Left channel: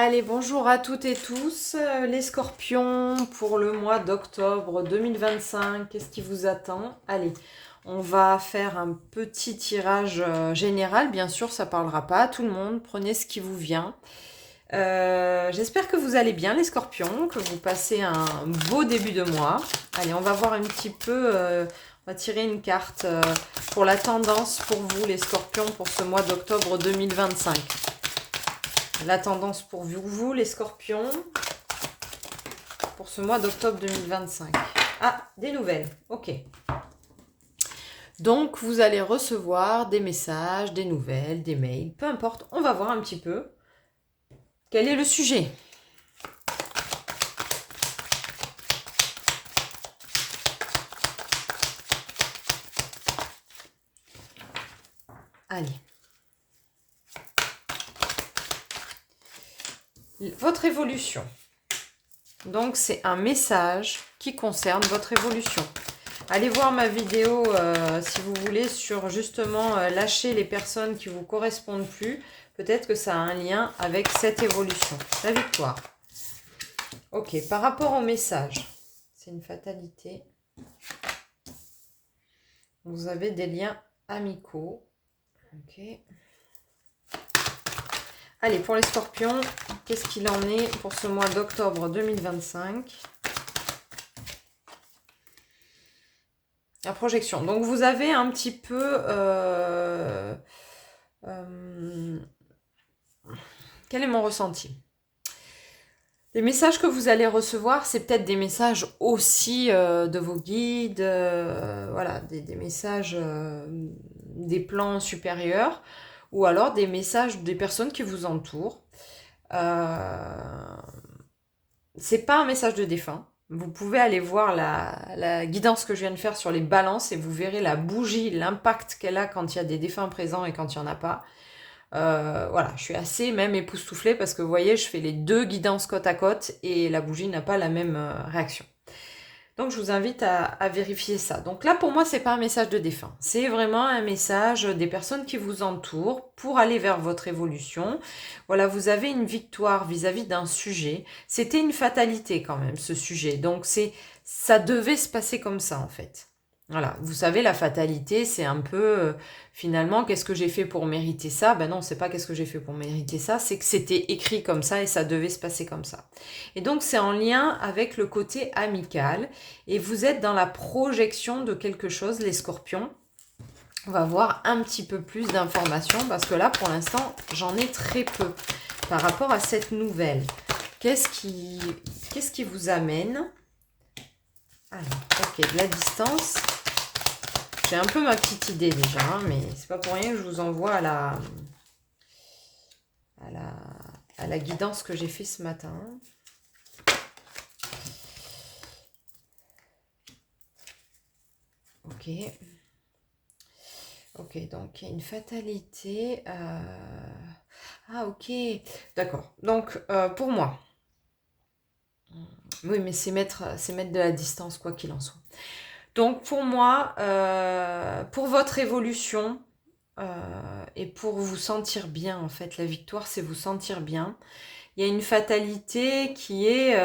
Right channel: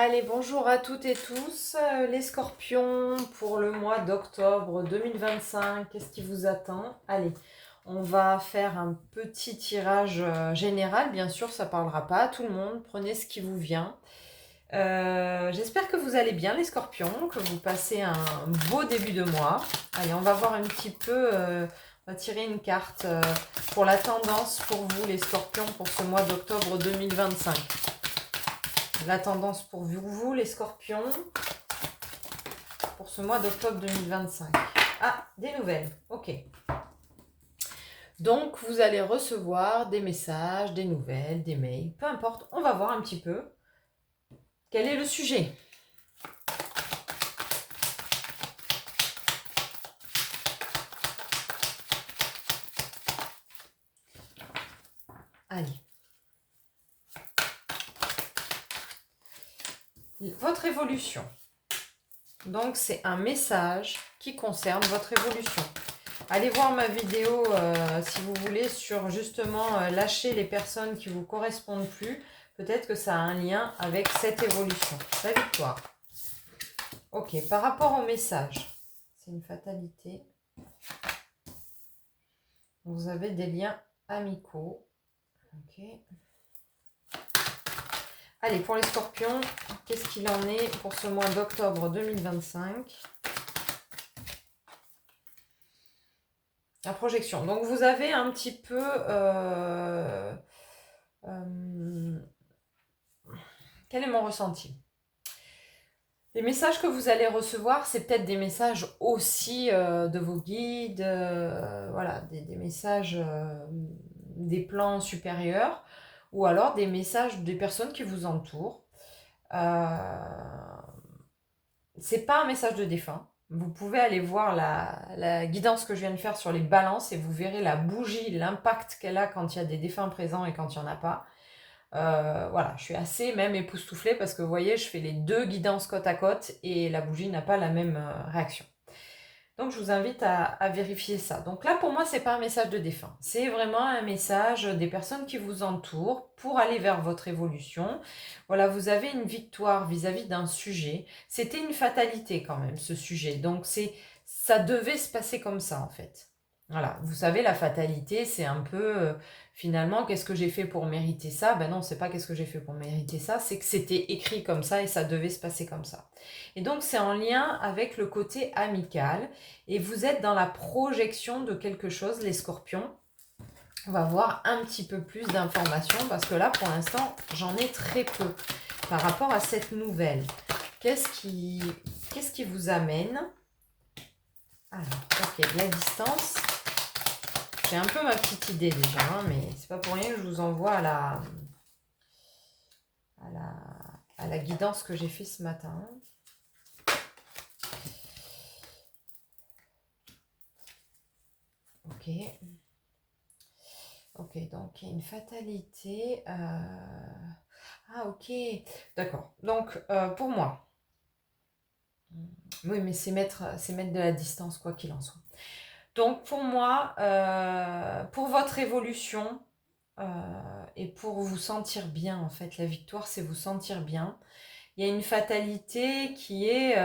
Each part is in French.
Allez, bonjour à toutes et tous, les scorpions pour le mois d'octobre 2025. Qu'est-ce qui vous attend? Allez, on va faire un petit tirage général. Bien sûr, ça ne parlera pas à tout le monde. Prenez ce qui vous vient. J'espère que vous allez bien, les scorpions, que vous passez un beau début de mois. Allez, on va voir un petit peu. On va tirer une carte pour la tendance pour vous, les scorpions, pour ce mois d'octobre 2025. La tendance pour vous, les scorpions, pour ce mois d'octobre 2025. Ah, des nouvelles. Ok. Donc, vous allez recevoir des messages, des nouvelles, des mails, peu importe. On va voir un petit peu quel est le sujet. Allez. Votre évolution. Donc, c'est un message qui concerne votre évolution. Allez voir ma vidéo, si vous voulez, sur justement lâcher les personnes qui ne vous correspondent plus. Peut-être que ça a un lien avec cette évolution. La victoire. Ok, par rapport au message, c'est une fatalité. Vous avez des liens amicaux. Ok. Allez, pour les scorpions, qu'est-ce qu'il en est pour ce mois d'octobre 2025? La projection. Donc, vous avez un petit peu... quel est mon ressenti? Les messages que vous allez recevoir, c'est peut-être des messages aussi de vos guides, voilà, des messages des plans supérieurs, ou alors des messages des personnes qui vous entourent. C'est pas un message de défunt. Vous pouvez aller voir la guidance que je viens de faire sur les balances et vous verrez la bougie, l'impact qu'elle a quand il y a des défunts présents et quand il n'y en a pas. Voilà, je suis assez même époustouflée parce que vous voyez, je fais les deux guidances côte à côte et la bougie n'a pas la même réaction. Donc je vous invite à vérifier ça. Donc là pour moi c'est pas un message de défunt, c'est vraiment un message des personnes qui vous entourent pour aller vers votre évolution. Voilà, vous avez une victoire vis-à-vis d'un sujet. C'était une fatalité quand même ce sujet, donc ça devait se passer comme ça en fait. Voilà, vous savez la fatalité c'est un peu finalement qu'est-ce que j'ai fait pour mériter ça? Ben non, c'est pas qu'est-ce que j'ai fait pour mériter ça, c'est que c'était écrit comme ça et ça devait se passer comme ça. Et donc c'est en lien avec le côté amical et vous êtes dans la projection de quelque chose, les scorpions. On va voir un petit peu plus d'informations parce que là, pour l'instant, j'en ai très peu par rapport à cette nouvelle. Qu'est-ce qui vous amène? Alors, ok, de la distance. J'ai un peu ma petite idée déjà, hein, mais c'est pas pour rien que je vous envoie à la guidance que j'ai fait ce matin. Ok. Ok, donc il y a une fatalité. Ah, ok. D'accord. Donc, pour moi, oui, mais c'est mettre de la distance, quoi qu'il en soit. Donc, pour moi, pour votre évolution et pour vous sentir bien, en fait, la victoire, c'est vous sentir bien. Il y a une fatalité qui est,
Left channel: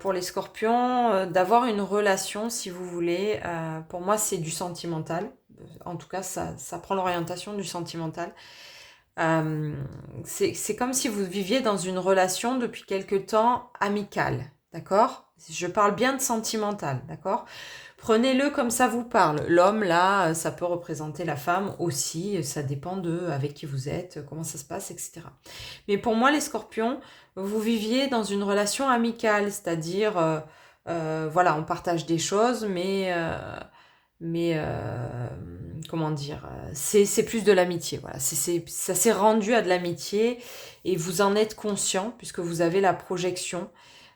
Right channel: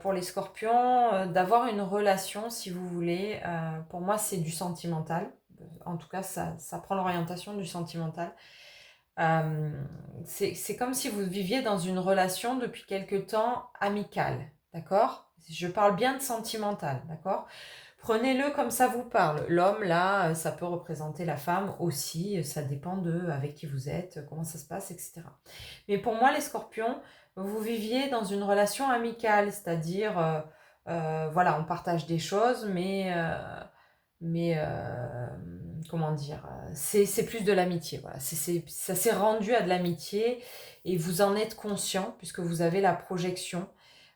pour les scorpions, d'avoir une relation, si vous voulez. Pour moi, c'est du sentimental. En tout cas, ça prend l'orientation du sentimental. C'est comme si vous viviez dans une relation depuis quelque temps amicale, d'accord? Je parle bien de sentimental, d'accord? Prenez-le comme ça vous parle. L'homme, là, ça peut représenter la femme aussi. Ça dépend de avec qui vous êtes, comment ça se passe, etc. Mais pour moi, les scorpions, vous viviez dans une relation amicale, c'est-à-dire, voilà, on partage des choses, mais comment dire, c'est plus de l'amitié. Voilà. Ça s'est rendu à de l'amitié et vous en êtes conscient puisque vous avez la projection.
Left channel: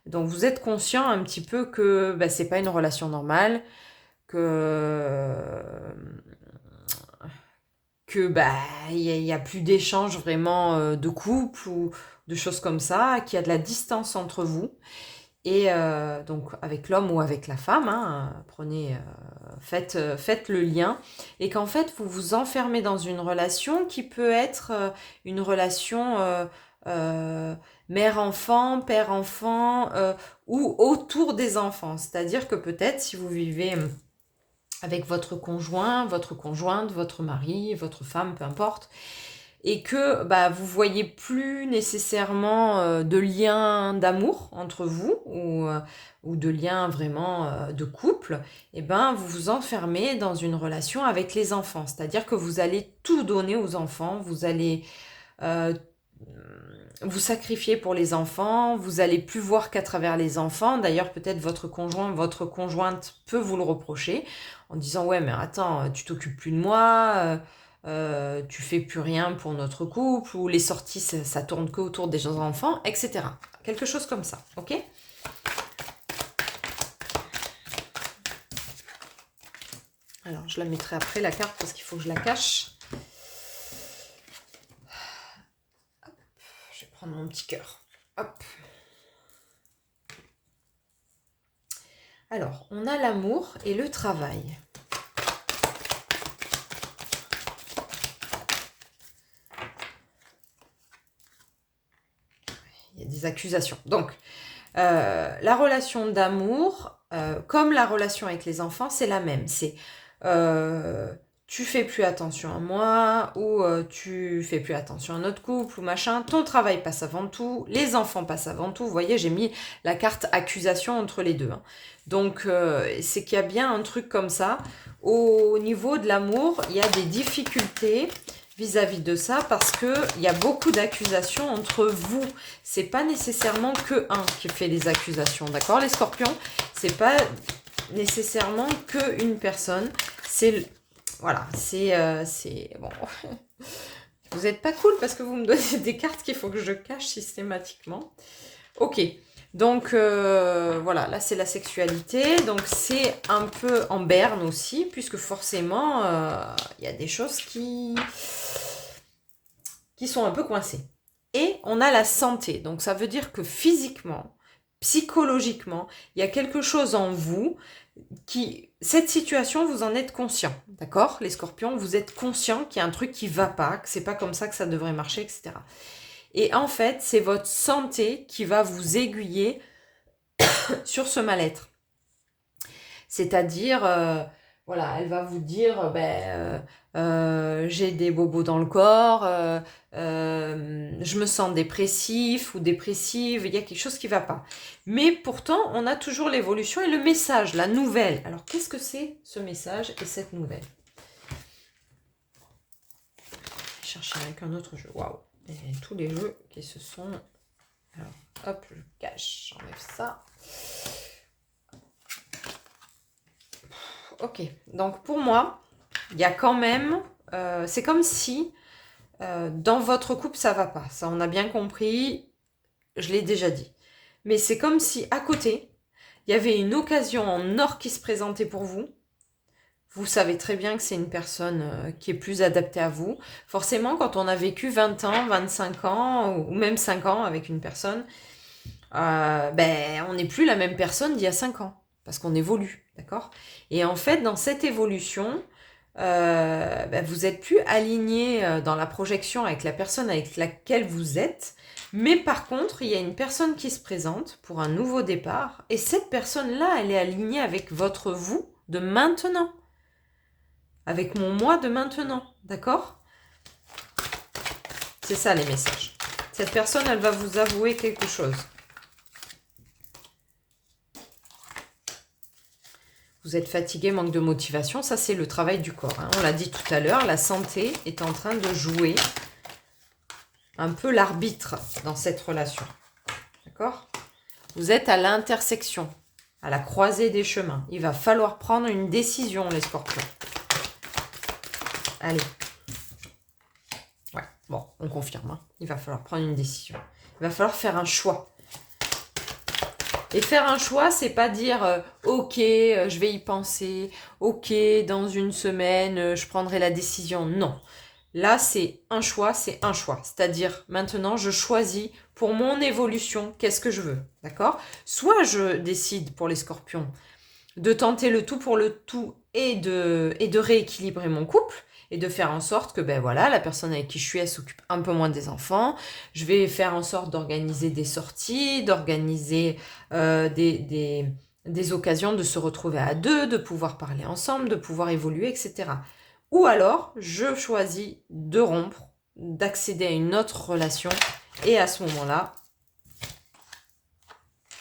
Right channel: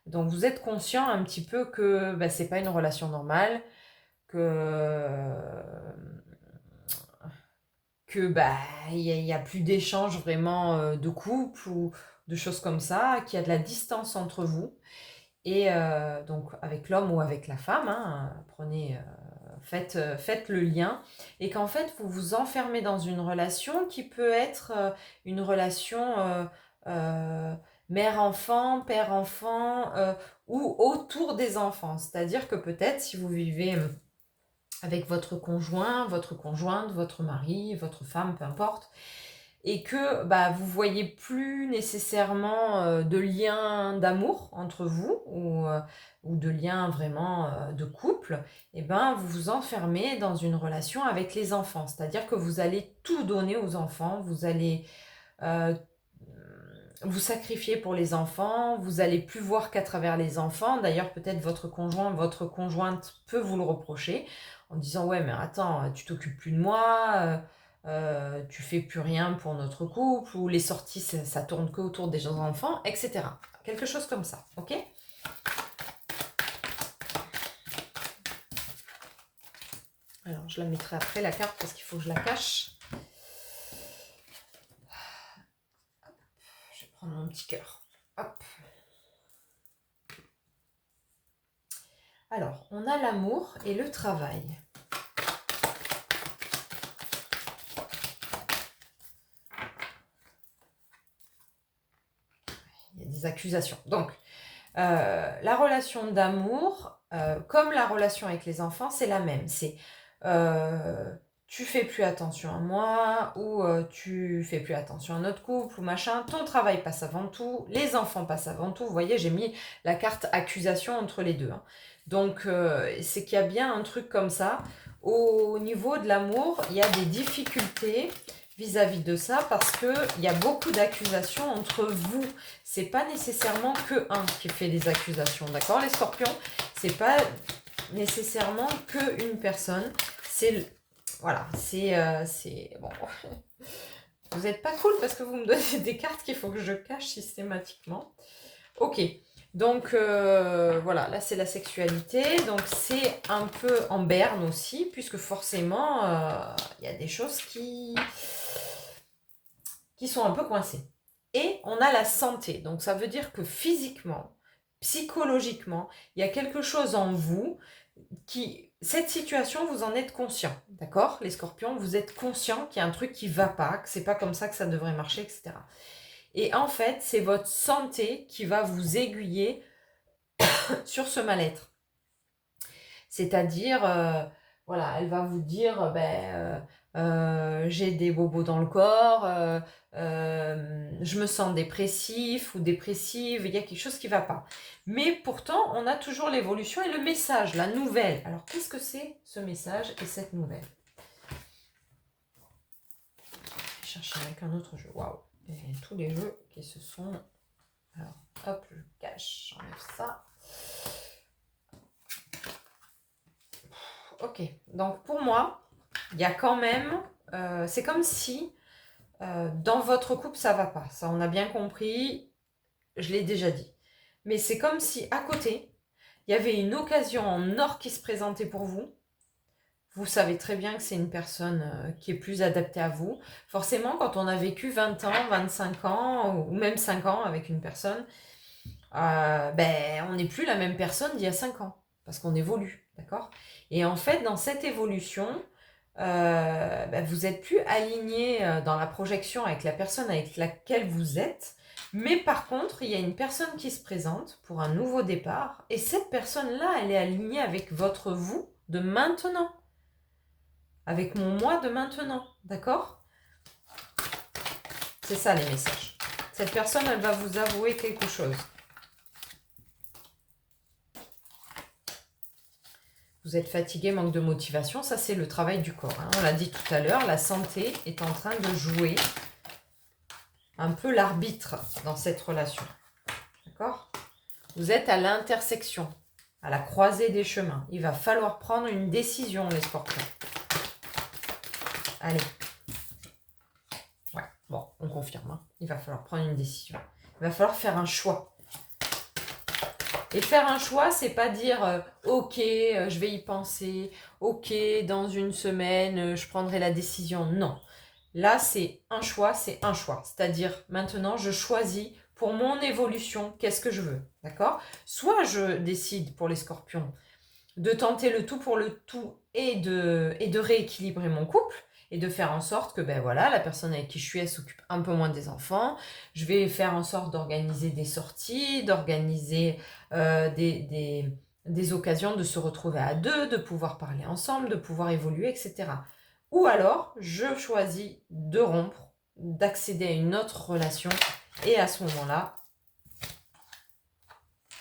Donc vous êtes conscient un petit peu que ben, c'est pas une relation normale, que bah y a plus d'échanges vraiment de couple ou de choses comme ça, qu'il y a de la distance entre vous et donc avec l'homme ou avec la femme, hein, faites le lien et qu'en fait vous vous enfermez dans une relation qui peut être une relation mère-enfant, père-enfant, ou autour des enfants. C'est-à-dire que peut-être si vous vivez avec votre conjoint, votre conjointe, votre mari, votre femme, peu importe, et que bah, vous voyez plus nécessairement de lien d'amour entre vous ou de lien vraiment de couple, et ben vous vous enfermez dans une relation avec les enfants. C'est-à-dire que vous allez tout donner aux enfants, vous allez euh, vous sacrifier pour les enfants, vous allez plus voir qu'à travers les enfants. D'ailleurs, peut-être votre conjoint, votre conjointe peut vous le reprocher en disant ouais mais attends, tu t'occupes plus de moi, tu fais plus rien pour notre couple, ou les sorties ça tourne que autour des enfants, etc. Quelque chose comme ça, ok? Alors je la mettrai après la carte parce qu'il faut que je la cache. Je vais prendre mon petit cœur. Hop. Alors, on a l'amour et le travail. Il y a des accusations. Donc, la relation d'amour, comme la relation avec les enfants, c'est la même. C'est tu fais plus attention à moi, ou tu fais plus attention à notre couple, ou machin. Ton travail passe avant tout, les enfants passent avant tout. Vous voyez, j'ai mis la carte accusation entre les deux. Hein. Donc, c'est qu'il y a bien un truc comme ça. Au niveau de l'amour, il y a des difficultés vis-à-vis de ça parce qu'il y a beaucoup d'accusations entre vous. C'est pas nécessairement que un qui fait des accusations, d'accord les scorpions? C'est pas nécessairement que une personne. C'est voilà, c'est bon. Vous n'êtes pas cool parce que vous me donnez des cartes qu'il faut que je cache systématiquement. Ok, donc voilà, là c'est la sexualité, donc c'est un peu en berne aussi, puisque forcément il y a des choses qui sont un peu coincées. Et on a la santé, donc ça veut dire que physiquement, psychologiquement, il y a quelque chose en vous qui... Cette situation, vous en êtes conscient, d'accord? Les scorpions, vous êtes conscient qu'il y a un truc qui va pas, que c'est pas comme ça que ça devrait marcher, etc. Et en fait, c'est votre santé qui va vous aiguiller sur ce mal-être. C'est-à-dire, voilà, elle va vous dire, j'ai des bobos dans le corps, je me sens dépressif ou dépressive, il y a quelque chose qui ne va pas. Mais pourtant, on a toujours l'évolution et le message, la nouvelle. Alors, qu'est-ce que c'est ce message et cette nouvelle? Je vais chercher avec un autre jeu. Waouh! Et tous les jeux qui se sont... Alors, hop, je cache, j'enlève ça. Ok, donc pour moi, il y a quand même... c'est comme si dans votre couple, ça va pas. Ça, on a bien compris, je l'ai déjà dit. Mais c'est comme si à côté, il y avait une occasion en or qui se présentait pour vous. Vous savez très bien que c'est une personne qui est plus adaptée à vous. Forcément, quand on a vécu 20 ans, 25 ans, ou même 5 ans avec une personne, on n'est plus la même personne d'il y a 5 ans. Parce qu'on évolue, d'accord? Et en fait, dans cette évolution, vous n'êtes plus aligné dans la projection avec la personne avec laquelle vous êtes. Mais par contre, il y a une personne qui se présente pour un nouveau départ. Et cette personne-là, elle est alignée avec votre vous de maintenant. Avec mon moi de maintenant. D'accord? C'est ça les messages. Cette personne, elle va vous avouer quelque chose. Vous êtes fatigué, manque de motivation, ça c'est le travail du corps. Hein. On l'a dit tout à l'heure, la santé est en train de jouer un peu l'arbitre dans cette relation. D'accord? Vous êtes à l'intersection, à la croisée des chemins. Il va falloir prendre une décision, les scorpions. Allez. Ouais, bon, on confirme. Hein. Il va falloir prendre une décision. Il va falloir faire un choix. Et faire un choix, c'est pas dire ok, je vais y penser, ok, dans une semaine, je prendrai la décision. Non. Là, c'est un choix, c'est un choix. C'est-à-dire, maintenant, je choisis pour mon évolution, qu'est-ce que je veux. D'accord? Soit je décide pour les scorpions de tenter le tout pour le tout et de rééquilibrer mon couple, et de faire en sorte que, ben voilà, la personne avec qui je suis, elle s'occupe un peu moins des enfants. Je vais faire en sorte d'organiser des sorties, d'organiser des occasions de se retrouver à deux, de pouvoir parler ensemble, de pouvoir évoluer, etc. Ou alors, je choisis de rompre, d'accéder à une autre relation, et à ce moment-là,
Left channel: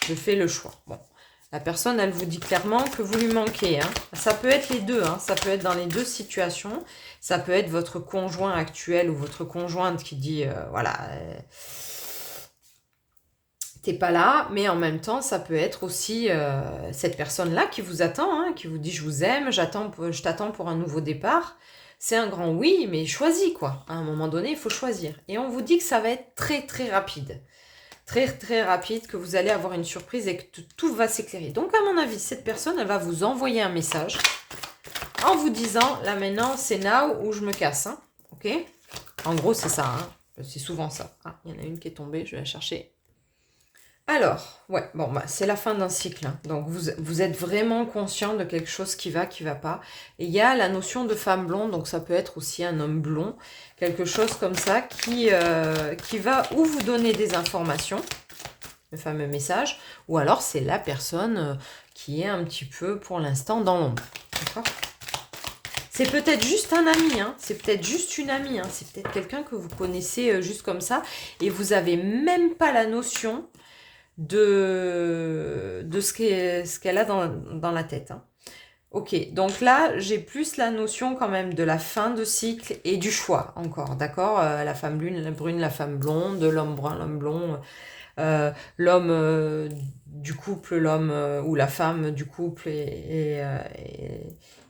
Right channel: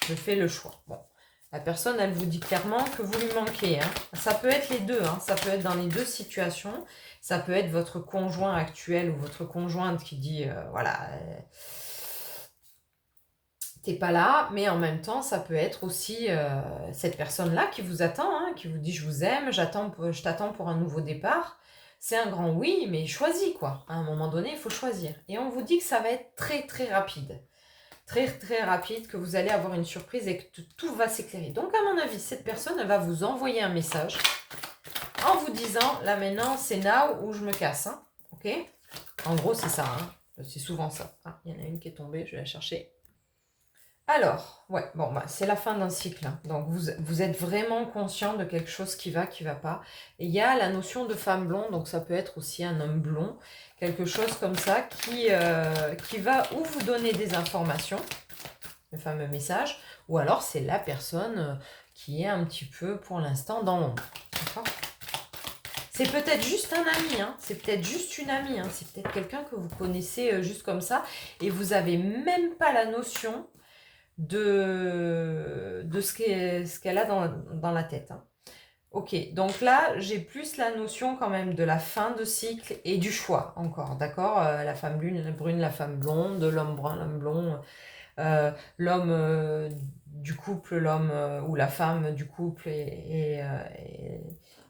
je fais le choix. Bon, la personne, elle vous dit clairement que vous lui manquez. Hein. Ça peut être les deux, hein. Ça peut être dans les deux situations. Ça peut être votre conjoint actuel ou votre conjointe qui dit, voilà, t'es pas là, mais en même temps, ça peut être aussi cette personne-là qui vous attend, hein, qui vous dit, je vous aime, je t'attends pour un nouveau départ. C'est un grand oui, mais choisis quoi. À un moment donné, il faut choisir. Et on vous dit que ça va être très très rapide. Très très rapide, que vous allez avoir une surprise et que tout va s'éclairer. Donc à mon avis, cette personne, elle va vous envoyer un message en vous disant, là maintenant, c'est now ou je me casse. Hein, ok? En gros, c'est ça. Hein, c'est souvent ça. Ah, il y en a une qui est tombée, je vais la chercher. Alors, ouais, bon, bah, c'est la fin d'un cycle. Hein. Donc, vous êtes vraiment conscient de quelque chose qui va pas. Et il y a la notion de femme blonde, donc ça peut être aussi un homme blond, quelque chose comme ça, qui va ou vous donner des informations, le fameux message, ou alors c'est la personne qui est un petit peu, pour l'instant, dans l'ombre. D'accord ? C'est peut-être juste un ami, hein. C'est peut-être juste une amie, hein. C'est peut-être quelqu'un que vous connaissez juste comme ça, et vous n'avez même pas la notion de ce qu'elle a dans la tête. Hein. Ok, donc là, j'ai plus la notion quand même de la fin de cycle et du choix encore, d'accord. La femme brune, la femme blonde, l'homme brun, l'homme blond, l'homme du couple, l'homme ou la femme du couple et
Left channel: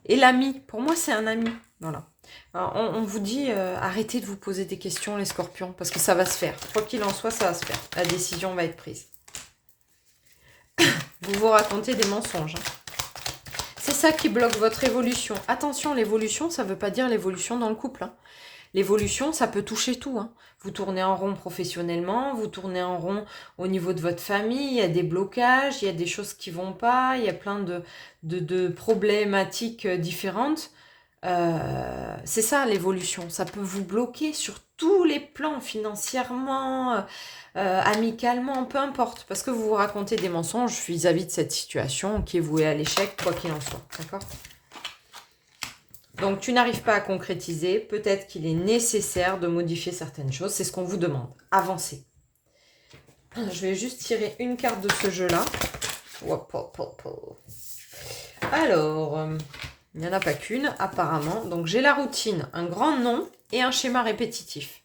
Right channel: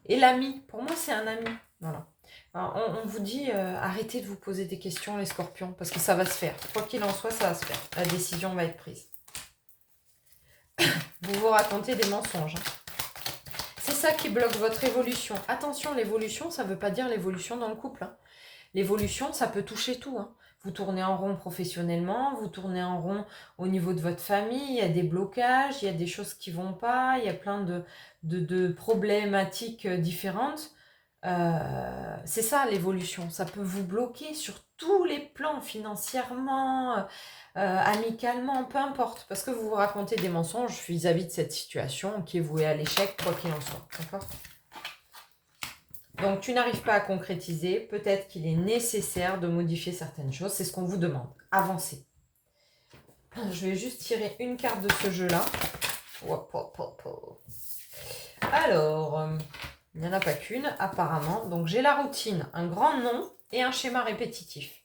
l'ami. Pour moi, c'est un ami, voilà. Alors, on vous dit, arrêtez de vous poser des questions, les scorpions, parce que ça va se faire. Quoi qu'il en soit, ça va se faire. La décision va être prise. Vous vous racontez des mensonges. C'est ça qui bloque votre évolution. Attention, l'évolution, ça ne veut pas dire l'évolution dans le couple. Hein. L'évolution, ça peut toucher tout. Hein. Vous tournez en rond professionnellement, vous tournez en rond au niveau de votre famille, il y a des blocages, il y a des choses qui ne vont pas, il y a plein de problématiques différentes. C'est ça l'évolution. Ça peut vous bloquer sur tous les plans, financièrement, amicalement, peu importe, parce que vous vous racontez des mensonges vis-à-vis de cette situation qui est vouée à l'échec, quoi qu'il en soit, d'accord ? Donc, tu n'arrives pas à concrétiser, peut-être qu'il est nécessaire de modifier certaines choses, c'est ce qu'on vous demande, avancez. Je vais juste tirer une carte de ce jeu-là. Alors, il n'y en a pas qu'une, apparemment. Donc, j'ai la routine, un grand nom et un schéma répétitif.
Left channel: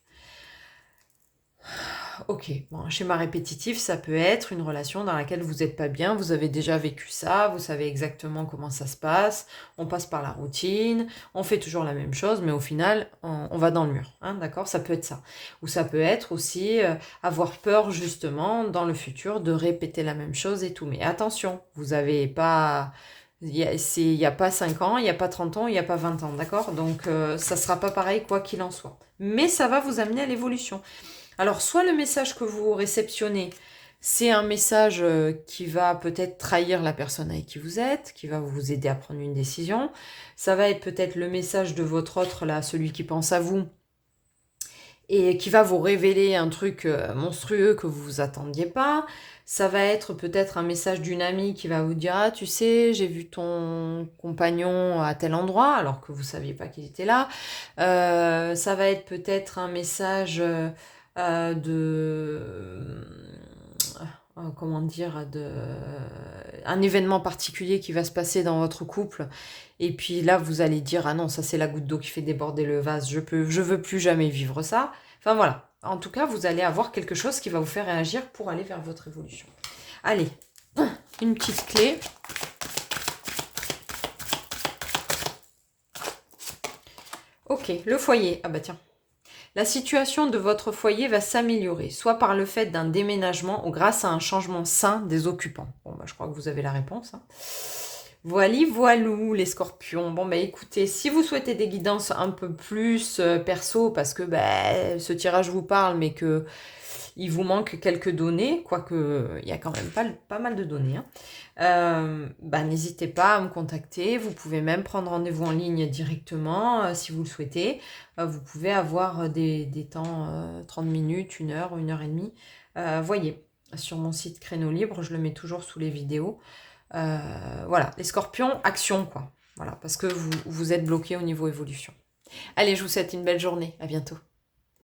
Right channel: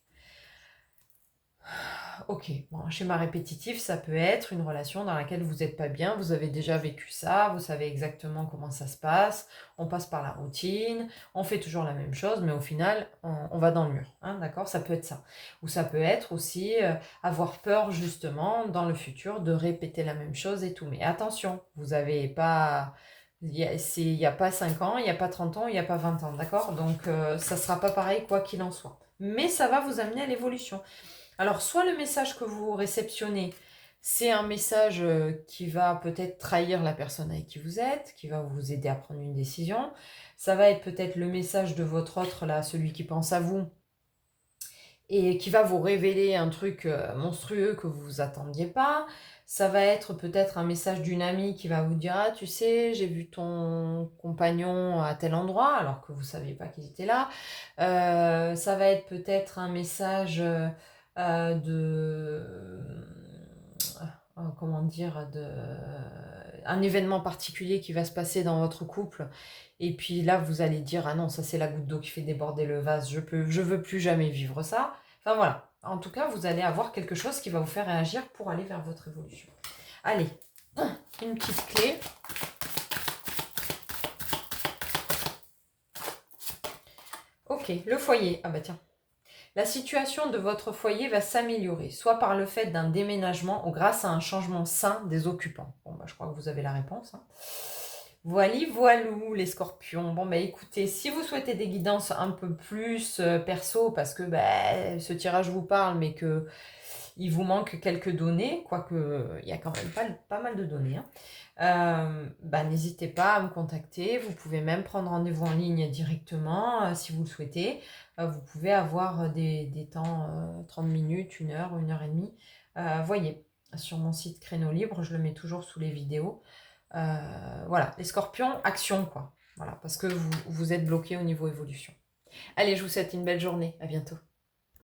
Ok, bon, un schéma répétitif, ça peut être une relation dans laquelle vous n'êtes pas bien, vous avez déjà vécu ça, vous savez exactement comment ça se passe, on passe par la routine, on fait toujours la même chose, mais au final, on va dans le mur, hein, d'accord ? Ça peut être ça. Ou ça peut être aussi avoir peur, justement, dans le futur, de répéter la même chose et tout. Mais attention, vous n'avez pas... Il n'y a pas 5 ans, il n'y a pas 30 ans, il n'y a pas 20 ans, d'accord ? Donc, ça ne sera pas pareil, quoi qu'il en soit. Mais ça va vous amener à l'évolution. Alors, soit le message que vous réceptionnez, c'est un message qui va peut-être trahir la personne avec qui vous êtes, qui va vous aider à prendre une décision. Ça va être peut-être le message de votre autre, là, celui qui pense à vous, et qui va vous révéler un truc monstrueux que vous ne vous attendiez pas. Ça va être peut-être un message d'une amie qui va vous dire « Ah, tu sais, j'ai vu ton compagnon à tel endroit », alors que vous ne saviez pas qu'il était là. Ça va être peut-être un message un événement particulier qui va se passer dans votre couple, et puis là vous allez dire ah non, ça c'est la goutte d'eau qui fait déborder le vase, je veux plus jamais vivre ça. Enfin voilà, en tout cas vous allez avoir quelque chose qui va vous faire réagir pour aller vers votre évolution. Allez, une petite clé. Ok, le foyer. Ah bah tiens. La situation de votre foyer va s'améliorer, soit par le fait d'un déménagement ou grâce à un changement sain des occupants. Bon, bah, je crois que vous avez la réponse. Hein. Voilou, les scorpions. Bon, bah écoutez, si vous souhaitez des guidances un peu plus perso, parce que ce tirage vous parle, mais qu'il vous manque quelques données, quoique il y a quand même pas mal de données, hein. n'hésitez pas à me contacter. Vous pouvez même prendre rendez-vous en ligne directement si vous le souhaitez. Vous pouvez avoir des temps 30 minutes, 1 heure, 1 heure et demie. Voyez, sur mon site Créneau Libre, je le mets toujours sous les vidéos. Voilà, les scorpions, action quoi. Voilà, parce que vous êtes bloqué au niveau évolution. Allez, je vous souhaite une belle journée. À bientôt.